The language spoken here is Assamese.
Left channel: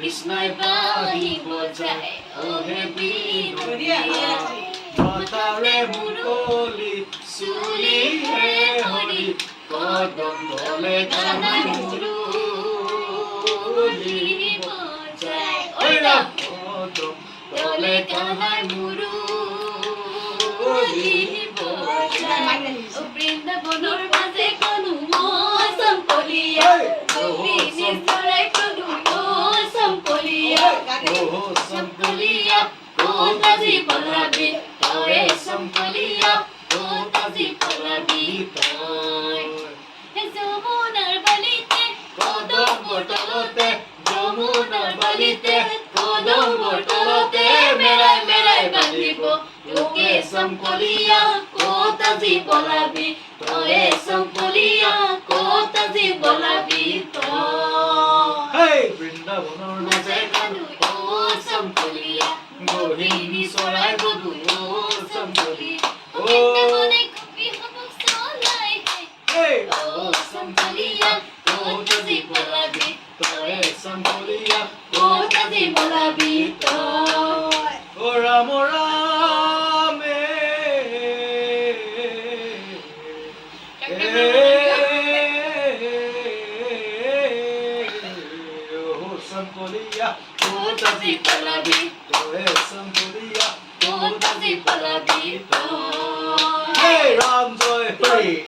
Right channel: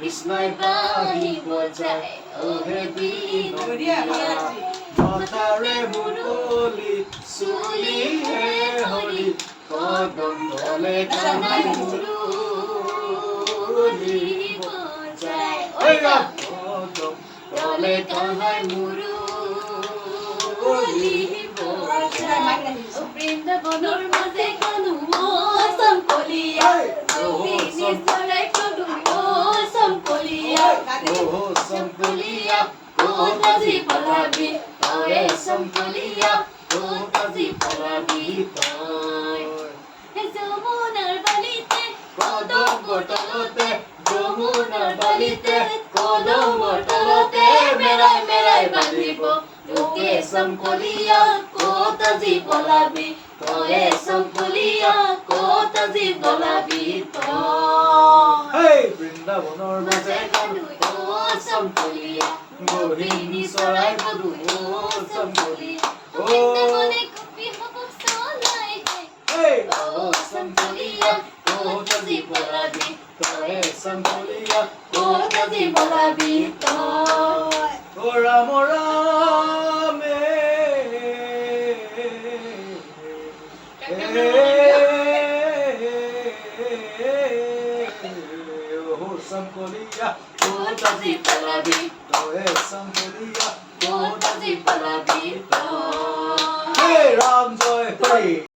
কৃষ্ণই বাঁহী বজায় ওহে বিনোদিয়া মাথাৰে মুকলি চুলি হে হৰি কদম তলে গানাই মুৰুলি বজায় ঐ ৰাম কদম তলে গানাই মুৰুলি বজায় বৃন্দাবনৰ মাজে কানু মৌচম কলিয়া চৰাই প্ৰভু মৌচম কলিয়া ক'ত আজি পলাবি তই চম্পলিয়া ক'ত আজি পলাবি তই যমুনাৰ বালিতে কদমৰ তলতে যমুনাৰ বালিতে কদমৰ তলতে মেৰাই মেৰাই বান্ধিব তোকে চম্পলিয়া ক'ত আজি পলাবি তই চম্পলিয়া ক'ত আজি পলাবি তই বৃন্দাবনৰ মাজে কানু চম্পলিয়া গহিনী চৰাই বধু চম্পলিয়া বৃন্দাবনে কপি হ'ব চলাই চম্পলিয়া ক'ত আজি পলাবি তই চম্পলিয়া ক'ত আজি পলাবি তই ও ৰাম ৰামে চম্পলিয়া ক'ত আজি পলাবি তই চম্পলিয়া ক'ত আজি পলাবি তই ৰাম জয় হৰি